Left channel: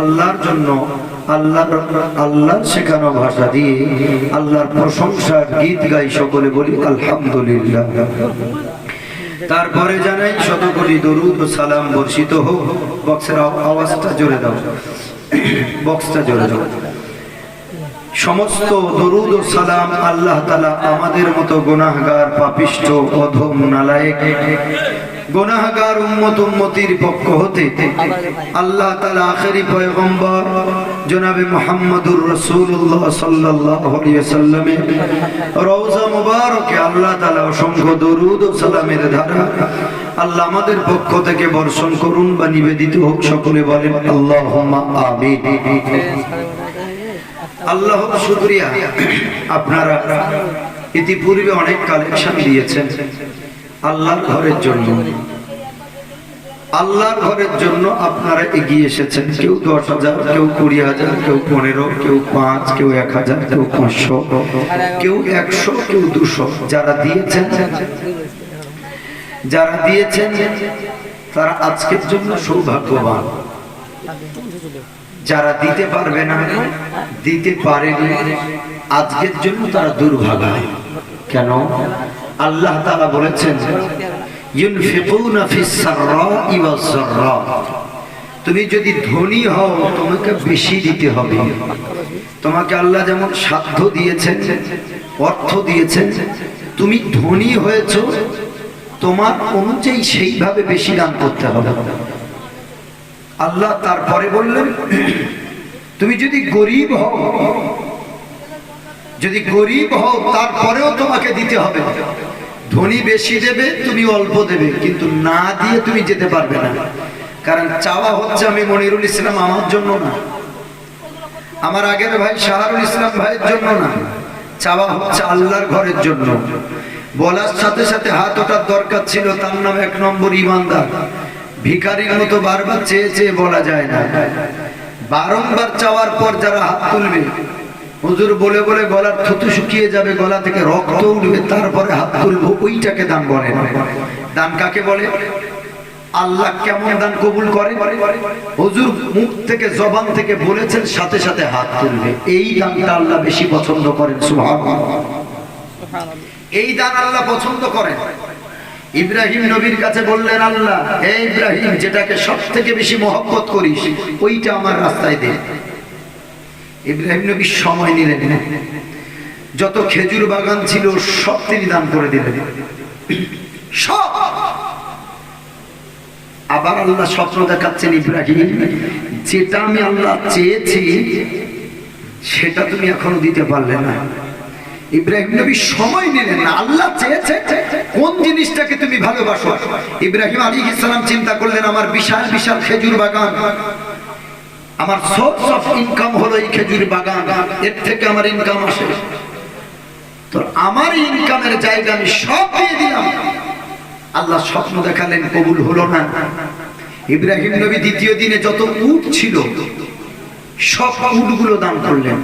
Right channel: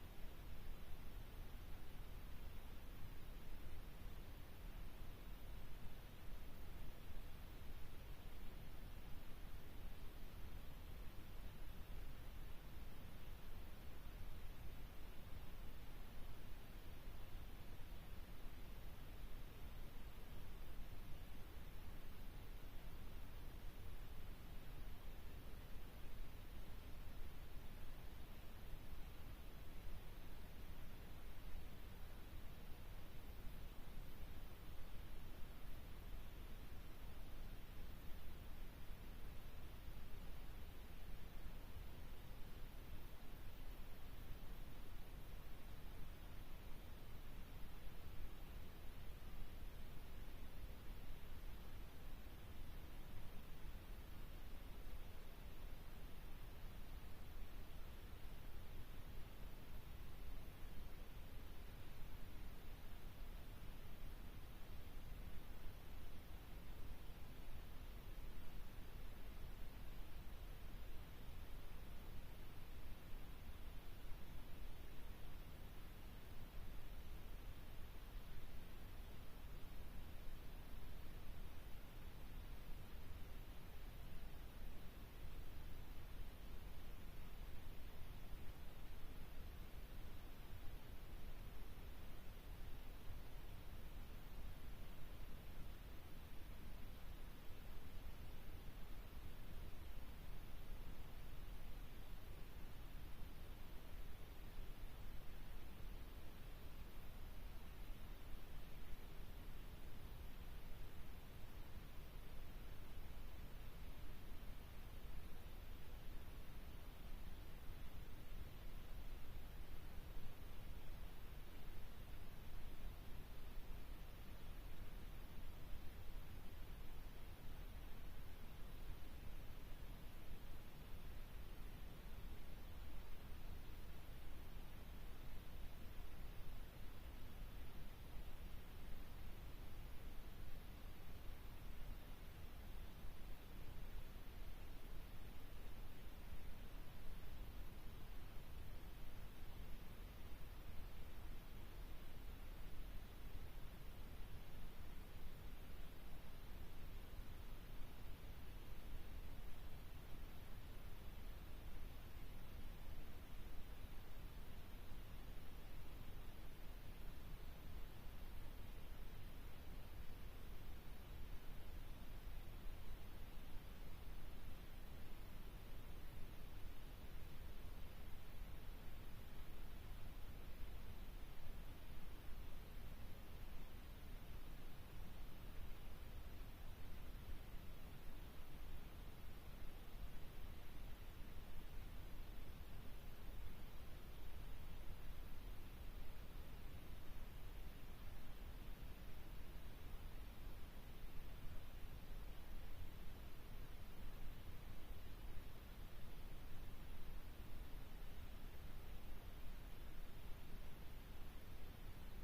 আল্লাহর জন্য আল্লাহ আল্লাহর শেখানো ভাষা দিয়ে আল্লাহর প্রশংসার গীত গাই সকলে বলি, আলহামদুলিল্লাহ। তারপরে জানাই শত কোটি দরুদ ও সালাম বর্ষিত হোক। বক্সের আওয়াজটা জোরে দাও। বক্সটা জোরে দাও। সমস্ত দরুদ ও সালাম আল্লাহ তালা আমাদের মতো গুনাহগার পাপিষ্ট অধম, নালায়েক। গুনাহগার উম্মত উম্মতির পক্ষ হতে আল্লাহ তালা আখেরি পয়গম্বর জনাবে মোহাম্মদুর রসুল্লাহ সাল্লাল্লাহু আলাইহি সাল্লামে রওজা মুবারকে আল্লাহ তালা অসংখ্য দরুদ ও সালামের ধারা আল্লাহ আমাদের পক্ষ থেকে বর্ষণ করুন বা নিবেদিত হোক সকলে বলেন আল্লাহুম্মা আমিন। আল্লাহ শুক্রিয়া। আপনারা ইতিপূর্বে অনেক কালেকশন দিয়েছেন। আল্লাহর ঘরের জন্য। আল্লাহর ঘরের জন্য আপনারা এগিয়ে এসেছেন। কেউ দশ হাজার, কেউ কুড়ি হাজার, কেউ পনেরো, কেউ পাঁচ, কেউ এক হাজার, কেউ পাঁচশো, কেউ একশো, কেউ দুশো। যারা দিয়েছেন যারা দিয়েছেন, তারা আজকের জন্য সৌভাগ্যবান। যারা দিতে পারবে না, দিতে পারেনি, আজকের জন্য তারা দুর্ভাগা। কেন? আল্লাহ তাআলা বলেছেন তুমি যদি ধনী হও, তোমাকে বেশি দিতে হবে। তোমাকে আল্লাহ যেমন সাধ্য দিয়েছেন, অর্থ দিয়েছেন, তুমি ধনী হয়েছো, তোমার অনুযায়ী সেইভাবে বেশি দান করতে হবে। আল্লাহ তারপরে বললেন, তুমি যদি গরিব হও যদি গরিব হও, তারপরেও তোমাকে দিতে হবে। ধনী বেশি দেবে, তুমি অল্প দেবে, কিন্তু না দিয়ে তুমি যেতে পারবে না। কারণ চাওয়া হচ্ছে আমি মনিরুল ইসলাম আমার জন্য না। আমার আগের ভাই শাহরুল ইসলাম ভাইয়ের জন্য না। চাওয়া হচ্ছে আল্লাহর ঘরের জন্য। বলার সাথে সাথে হাত ওঠার দরকার ছিল, তার নাম এক নম্বর ইমানদার। ভিখারির মতো বারবার চেয়ে চেয়ে বলা যায় না। বারংবার চাওয়ার পর যারা হাত তুলবে হুজুর বলে বলে গলার থুতু শুকিয়ে যাবে গলা থেকে রক্ত উঠবে তারপরে হাত তুলবো ওইটাকে দান বলে। দান কাকে বলে? আল্লাহ কেমন দান কবুল করে? হুজুর মুখ থেকে জবান থেকে বলেছেন সাথে সাথে হাত তুলবে। এই দানটা আল্লাহ বেশি পছন্দ করেন সুবহানাল্লাহ। এই দান আল্লাহ পছন্দ করেন। ইব্রাহিম নবীর কাছে বললেন আল্লাহ হে ইব্রাহিম যেটাকে সব থেকে বেশি মহব্বত করিস ওইটা আমার রাস্তায় দে। ইব্রাহিম নবী সময় নিলেন যত খেজুর বাগান ছিল, সব তিনি দান করে দিলেন। সব। আবার আল্লাহ স্বপ্ন দেখাচ্ছেন ইব্রাহিম, যেটা আমি আল্লাহ চেয়েছি, সেটা তুমি এখনও দিতে পারলে না। ইব্রাহিম নবী সময় নিলেন না, আল্লাহ চেয়েছে কোন জিনিসটাকে তুমি ভালোবাসো। ইব্রাহিম আলী ইসলাম চিন্তা করলেন, আমার বিশাল বিশাল খেজুর বাগান। আমার সব অফ ইনকাম হলো এই খেজুর বাগান। এর থেকে আমার ইনকাম আসে। তো আমার ইনকামের জায়গা আমি সব দিয়ে দিলাম। আল্লাহ স্বপ্ন দেখালেন, কবুল হলো না। ইব্রাহিম নবী দ্বিতীয় দিনে যত উট ছিল, সব উটগুলো দান করলেন।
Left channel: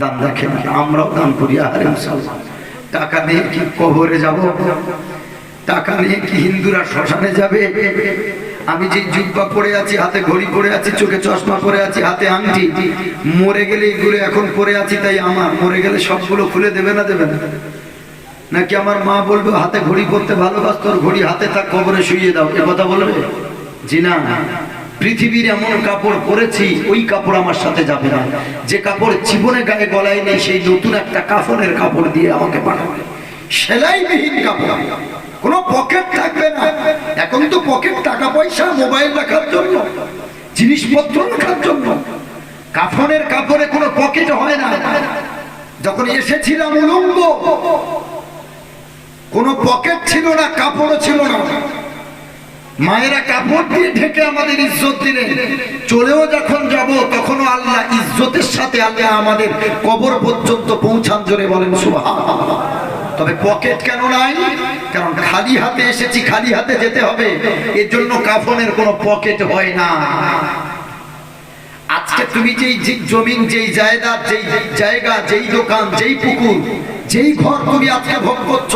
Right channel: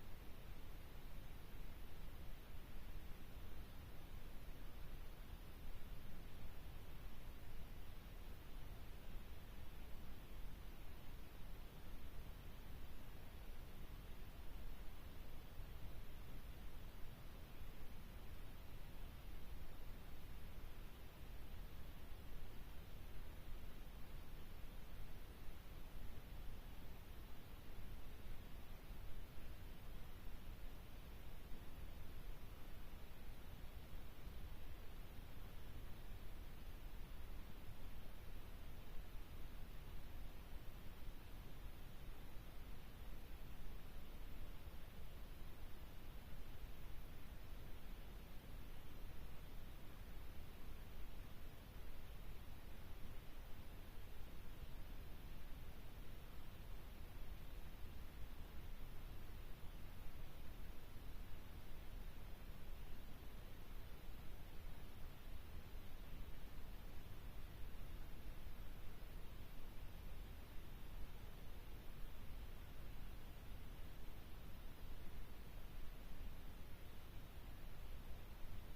দান দেখেন আমরাও দান করি মুসলমান টাকা নিয়ে কি কবরে যাব? টাকা নিয়ে কি হিন্দুরা শ্মশানে যাবে? আমি যে জুব্বা পরে আছি, হাতে ঘড়ি পরে আছি, চোখে চশমা পরে আছি, হাতে আংটি, মরে গেলে এগুলো এখন পরে আছি, তাই আমার। মরে গেলে সবগুলো খুলে দেবে না দেবে না? নাকি আমার মা বলবে, হাতে ঘড়ি পরতে ভালোবাস তোর ঘড়ি হাতে থাক, কবরে শুয়ে দাও। এ কথা বলবে? জি না। পৃথিবীর এমন কাপড় পরেছি, ওই কাপড় আমার সাথে যাবে না। যে কাপড় জীবনে গায়ে গলায় নেই, সেই নতুন একটা কাফনের কাপড় দিয়ে আমাকে পাঠাবে। সেলাইবিহীন কাপড়। কোনো পকেট থাকবে না। এখন তো পকেট টাকা পয়সা মোবাইল রাখার জন্য, জিনিসপত্র রাখার জন্য। কাফনের কাপড়ে কোনো পকেট হয় না। যখন এসেছিলাম উলঙ্গ, কোনো পকেট ছিল না, কাপড়ও ছিল না। মায়েরা কাপড় দিয়ে ঢেকে আমাদের ইজ্জত দিলেন চলেও যখন যাব, তখনও আল্লাহ ইজ্জতের সাথে আল্লাহ আমাদের কবর পর্যন্ত পৌঁছান জোরে বলেন সুবহান তবে পকেট কেন নাই? কারণ খালি হাতে এসেছি, খালি হাতে যেতে হবে। এর জন্য কাফনের কোনো পকেট হয় না। আজকে তুমি যেই জমিন, যেই জায়গা যেই জায়গা, যেই দোকান, যেই পুকুর, যেই ঘর তুমি আজকে ভোগ করছ,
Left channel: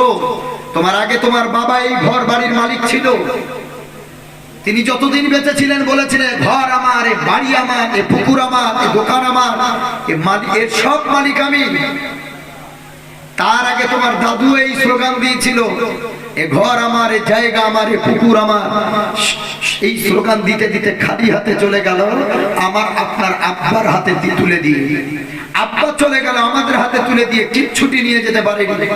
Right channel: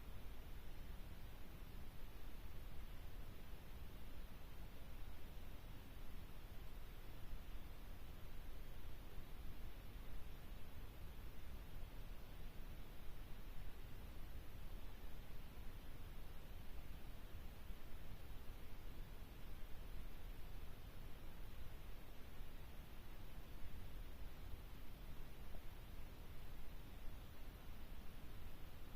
তোমার আগে তোমার বাবা এই ঘর বাড়ির মালিক ছিল। তিনি যতদিন বেঁচে ছিলেন বলেছিলেন ঘর আমার, এ বাড়ি আমার, এ পুকুর আমার, এ দোকান আমার, এ মালিক এর সব মালিক আমি। তার আগে তোমার দাদু এই স্লোগান দিয়েছিল, এ ঘর আমার, এ জায়গা আমার, এ পুকুর আমার। এই স্লোগান দিতে দিতে খালি হাতে চলে গেল, আমার আপনার আব্বার হাতে তুলে দিয়ে। আব্বা চলে গেল আমাদের হাতে তুলে দিয়ে, কিচ্ছুটি নিয়ে যেতে পারেনি।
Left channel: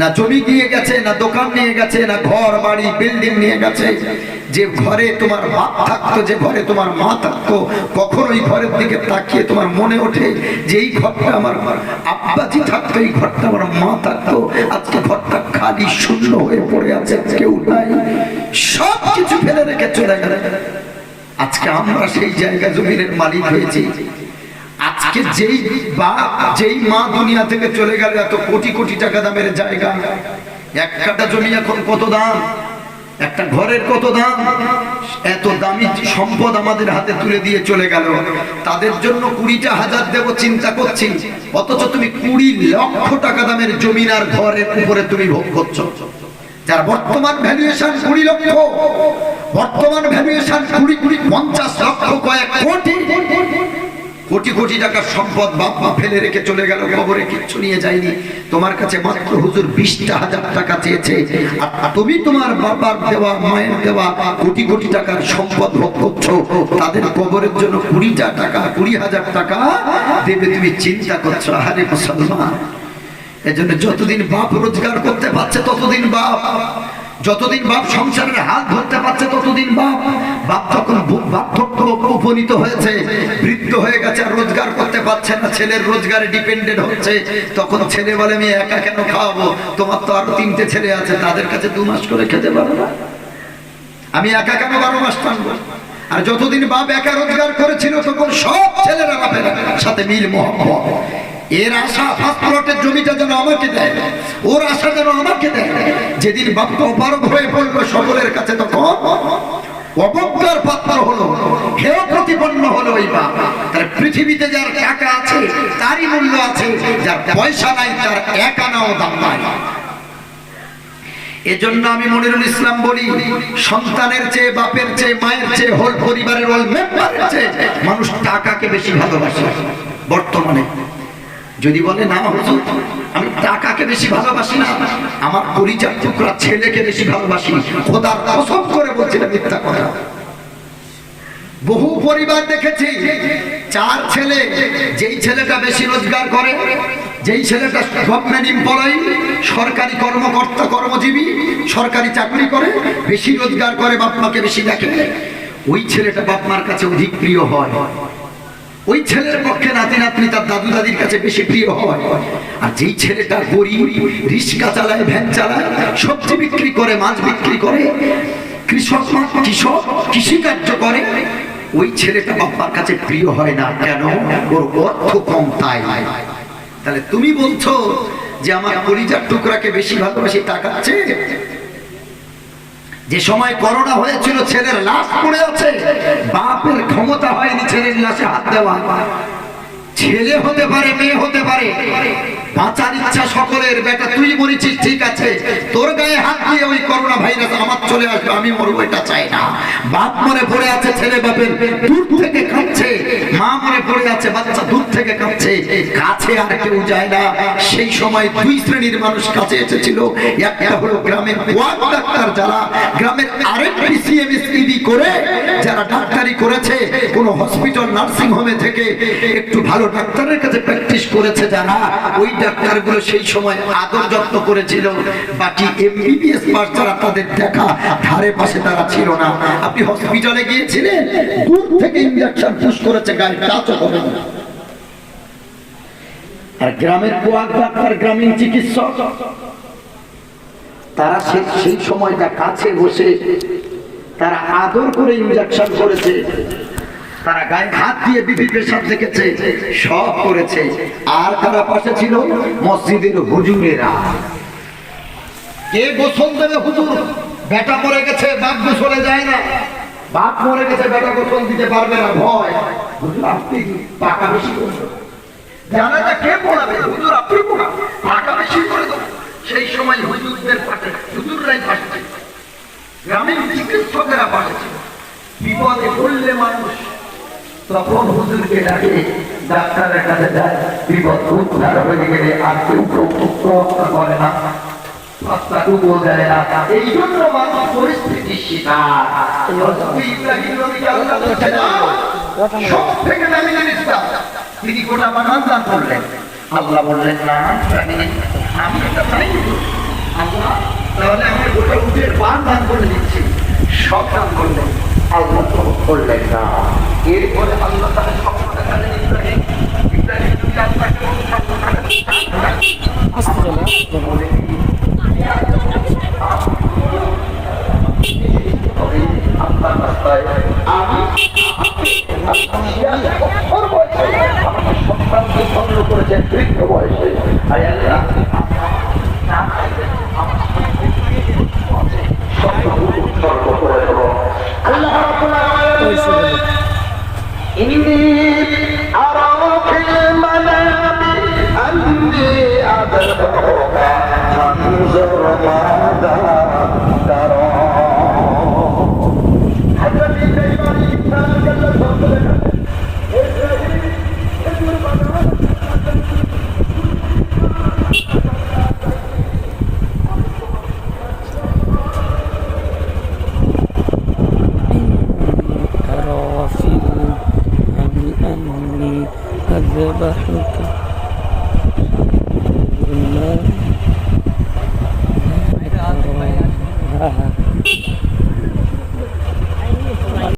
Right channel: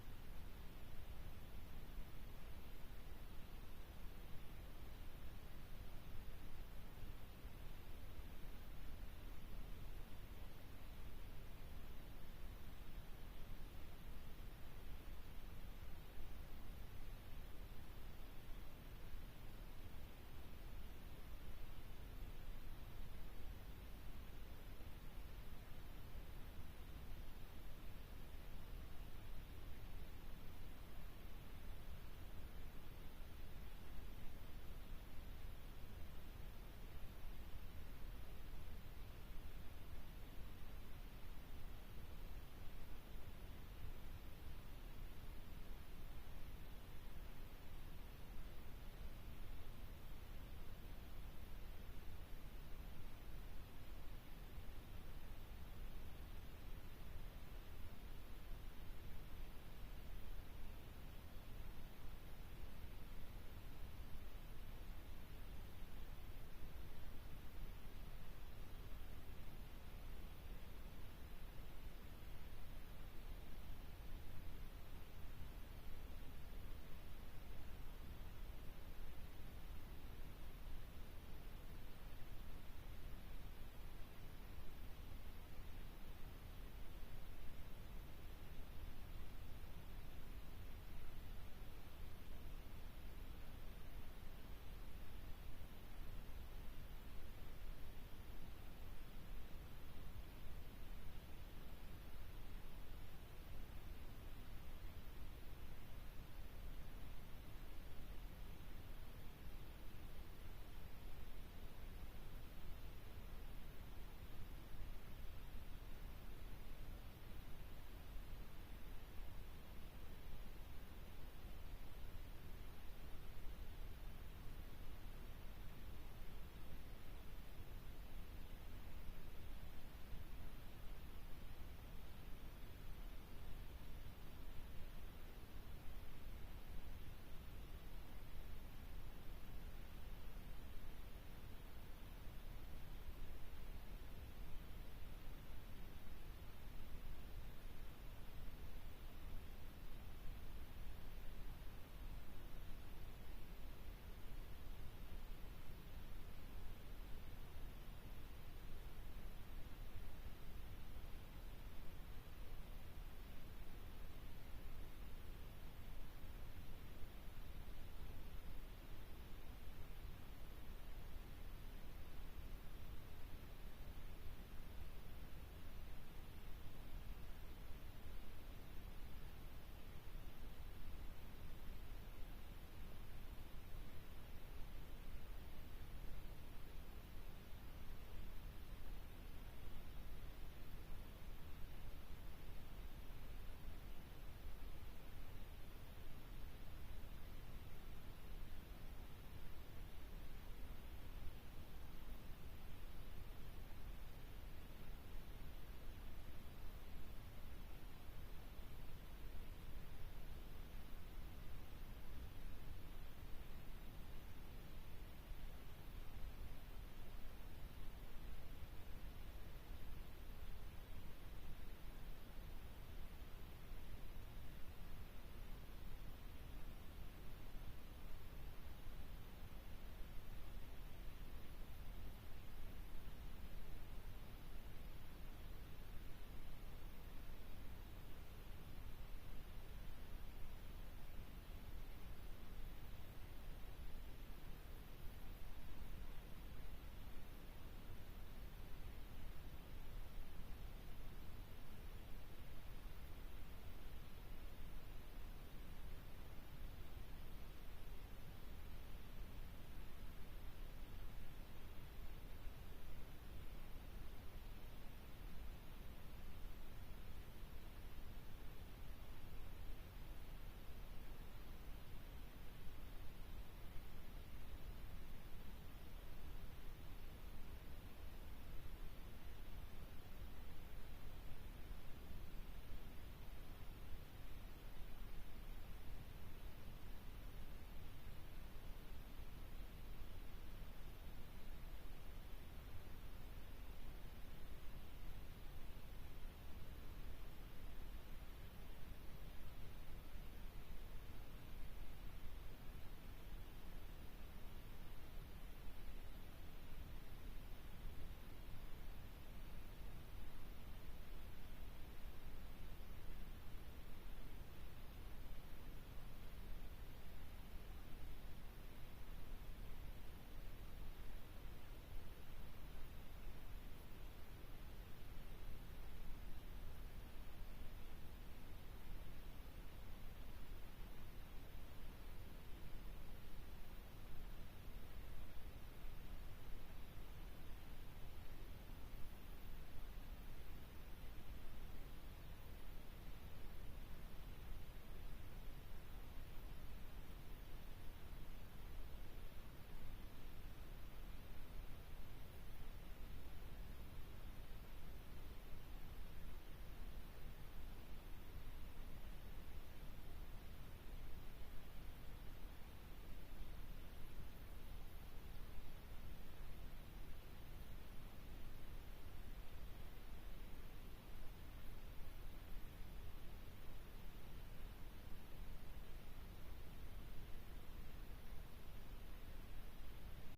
না জমি নিয়ে গেছে, না দোকান নিয়ে গেছে, না ঘর, বাড়ি, বিল্ডিং নিয়ে গেছে। যে ঘরে তোমার বাপ থাকতো, যে ঘরে তোমার মা থাকতো কখন ঘরের দিকে তাকিয়ে তোমার মনে ওঠে যে এই ঘরটা আমার আব্বাজি থাকতো, এই ঘরটা আমার মা থাকতো। আজকে ঘরটা খালি শূন্য হয়ে পড়ে আছে, কেউ নাই। সব কিছু ফেলে রেখে চলে গেলে। আজকে আমরা সেই জায়গা জমিনের মালিক হয়েছি। আজকে যেই বাপ যেই মা দুনিয়া থেকে চলে গেল এত কোটি কোটি টাকা দামের জায়গা। এক কাটা জমি এখন কত দাম? একটা ঘরের কত দাম? এত দামি সম্পদ আমাদের হাতে তুলে দিয়ে চলে গেল। তাদের জন্য কুড়িটা হাজার দেব চিন্তা করছি। অথচ তুমি কুড়ি লক্ষ টাকা দামের জমিন আর ঘরের উপরে তুমি ভোগ করছ। যার বর্তমান ভ্যালুয়েশন কুড়ি লক্ষ, বর্তমান ভ্যালুয়েশন কুড়ি কুড়ি পঞ্চাশ লক্ষ কয়েক কোটি। কোটি কোটি টাকার সম্পদ বাপ মা ফেলে রেখে চলে গেল খবরে কিচ্ছু নিয়ে যায়নি। তোমার কাছে মাত্র হুজুর বিশটা হাজার টাকা চেয়েছে। আর তুমি তোমার বাবার দেওয়া, মায়ের দেওয়া কোটি কোটি টাকার সম্পদ ভোগ করছ। তাদের কবরের জন্য কুড়িটা টাকা, কুড়ি হাজার টাকা দেবে। তুমি চিন্তা করছ আরে মুসলমান। এজন্য যতদিন বাপ রোজগার করতে পারছে, ততদিন বাপ যতদিন বাপ সংসারের হাত ধরতে পারছে, ততদিন বাপ বাপ যখন বার্ধক্য উপনীত হয়েছে, বৃদ্ধ হয়ে গেছে, আর রোজগার করতে পারছে না, ছেলের রোজগারে ডিপেন্ডেন্ট হচ্ছে, তখন ছেলে বলে, আমি একা কেন খাওয়াবো? তোমার তো আরও তিনটে ছেলে আছে, তাদের কাছে দু মাস করে খেতে পারো না। আমি একা কেন বারো মাস টানবো? আর যতদিন বাপ একা রোজগার করেছিল, তখন সব ছেলেরা বাপের সাথে মিল মোহাম্মত এর আশা ফার্স্ট প্লটের জমিটা যেন আমাকে দেয়। ওর আশা যেন আমাকে দেয়। যেদিন বাপটা অপারগ হয়ে পড়ল সকলের কাছে তখন, অবজ্ঞার পাত্র হলো প্রতিপন্ন হলো ওই তার পৃথিবীতে যার টাকা আছে, তারই মূল্য আছে, যার পয়সা নাই, তার এক আনাও দাম নাই। এজন্য আমি মনিরুল ইসলাম বলি, সন্তানের চেয়ে, বাপের চেয়ে, মায়ের চেয়ে হোল পরিবারের হোল মেম্বারের চেয়ে মানুষ টাকাকে বেশি ভালোবাসে। বর্তমানে যদি বলে, না হুজুর আমি টাকাকে বেশি ভালোবাসি না। আমার টুকরা ছেলেকে বেশি ভালোবাসি খোদার কসম করে বলছিলাম মিথ্যা কথা। বহু পরিবার দেখেছি, চার ছেলে, যেই ছেলেটা বেশি রোজগার করে, যেই ছেলেটা গভর্নমেন্ট এমপ্লয়ি সরকারি কর্মকর্তা, কর্মজীবী, সরকারি চাকরি করে, বেশি রোজগার করে, বাপ মাকে বেশি দেখে। ওই ছেলেটা বাপ মার কাছে অধিক প্রিয় হয়। ওই ছেলের পক্ষে নাতি নাতনি তার দাদু দাদির কাছে বেশি প্রিয় হয়। আর যেই ছেলেটা গরিব রিক্সা চালায়, ভ্যান চালায়, সবজি বিক্রি করে, মাছ বিক্রি করে, কৃষক কৃষক, কৃষিকার্য করে, ওই ছেলেটা বাপ্পার কাছে প্রিয় হয় না। কেন? ওর অর্থ কম তাই। তাহলে তুমি বলছো যে আমার পরিজার টুকরাকে বেশি ভালোবাসি টাকাচ্ছে যে সময় করোনা হয়েছিল, ছেলের লাশ পড়ে আছে, বাপের ক্ষমতা হয়নি ছেলের লাশে হাত দেওয়া ছেলে হতে পারে, মেয়ে হতে পারে বাঁচার ইচ্ছা সকলের, বেটা, তুই মরেছিস ঠিক আছে। তোর গায়ে হাত দিয়ে ওই করোনা ভাইরাস আমার চলে আসবে, আমি মরবো, এটা চাই না। বাপ মনে পড়ে আছে, ছেলে বাপের দূর থেকে কাঁদছে মা মনে পড়ে আছে, বাচ্চা দূর থেকে কাঁদছে কাছে আর কেউ যায় না। সেই সময় দুই শ্রেণির মানুষ কাছে এসেছিল। একটা হলো গ্রামের ওয়ার্ড ডাক্তার যারা, গ্রামের আরেকটি সিএমএসইডি করে, যারা ডাক্তারি করেছে, কোন হসপিটাল নার্সিং হোমে থেকে একটু ভালো ডাক্তারের কাছে প্র্যাকটিস করেছে যারা, ওই ডাক্তারগুলো সেই সময় আদর যত্ন করেছিল। বাকি এমবিবিএস পাস যারা তাদের দেখা ধারে পাশে তারা ছিল না। আপনি হসপিটালে গিয়েছিলেন? দূর থেকে ইঞ্জেকশন পুশ করেছে, গায়ে টাচও হবে না আর গ্রামের কোয়াক ডাক্তার, গ্রামীণ চিকিৎসক, তারা সেই সময়টা কাছে বসে তারা আদর করে ইঞ্জেকশন করেছে। তারা গায়ে হাত দিয়ে বিধি পেশাব দেখেছে, সব করেছে। আর তারা পাশে ছিল মসজিদের হুজুরেরা। কে গোসল দেবে হুজুর? বেটা মরে গেছে, বাপ গোসলে যায় না। বাপ মরে গেছে, বেটা গোসল দিতে পারবে না, ভয়। আপনি টাকা বেশি করবেন জানাটা কে পড়াবে? হুজুর, আপনি পড়াবেন। টাকা বেশি করে দেবো সেই সময় হুজুরদের পাশে হুজুররাই পাশে ছিল। গ্রামীণ চিকিৎসকেরা পাঠাচ্ছে বিপদে পড়লে মানুষ তখন হুজুরকে ডাকে ডাক্তারের কাছে যায় বিপদ উদ্ধার হয়ে গেলে আর কেউ রক্ষা করে না পাত্তাটুকুও দেয় না। এই জন্য করলেন। আল্লাহ বললেন, না, আমি এটা চাই দান করে দিচ্ছি। সব দান করলেন। আল্লাহ করলেন না। এরপরে আল্লাহ আসতে বলে তবে আল্লাহর রাস্তায় আমি সন্তানকে ভঙ্গ করেছেন বৃদ্ধ বয়সে আয় আল্লাহ, না চাইলে আমার সন্তানকে উৎসর্গ করে দেব। আল্লাহ রাব্বুল আলামিন إني أرى في المنام أني أذبحك